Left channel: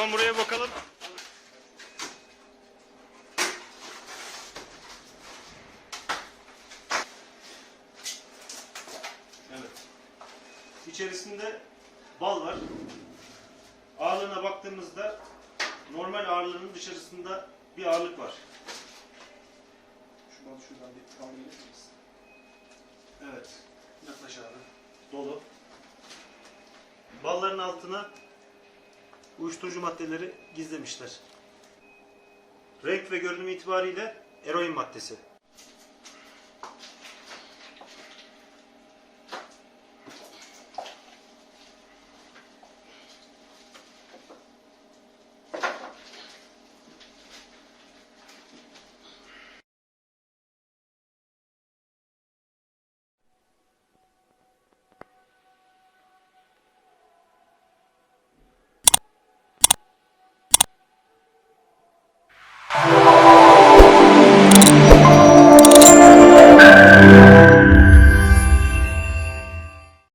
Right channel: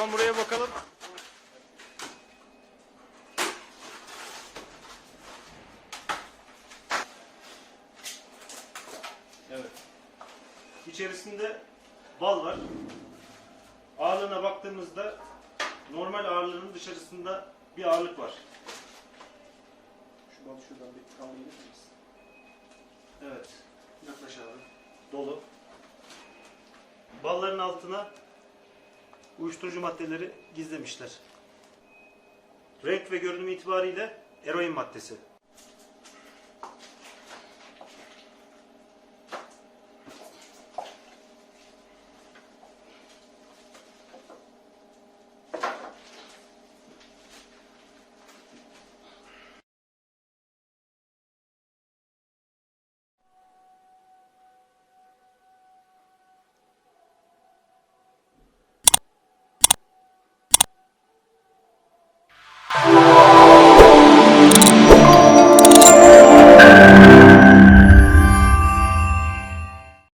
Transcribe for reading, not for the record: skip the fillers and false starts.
zaman buraya bakalım. Evet. İçerisinde bal var. Ağırlığına baktığımızda normal ağırlığının dışarısında bir ağırlık var. Şu balı şuradan bir kaldırır mısınız? Evet. Yaklaş abi. Dolu. Balların altına uyuşturucu maddeleri gizlemişler. Renk ve görünüm itibariyle eroin maddesi.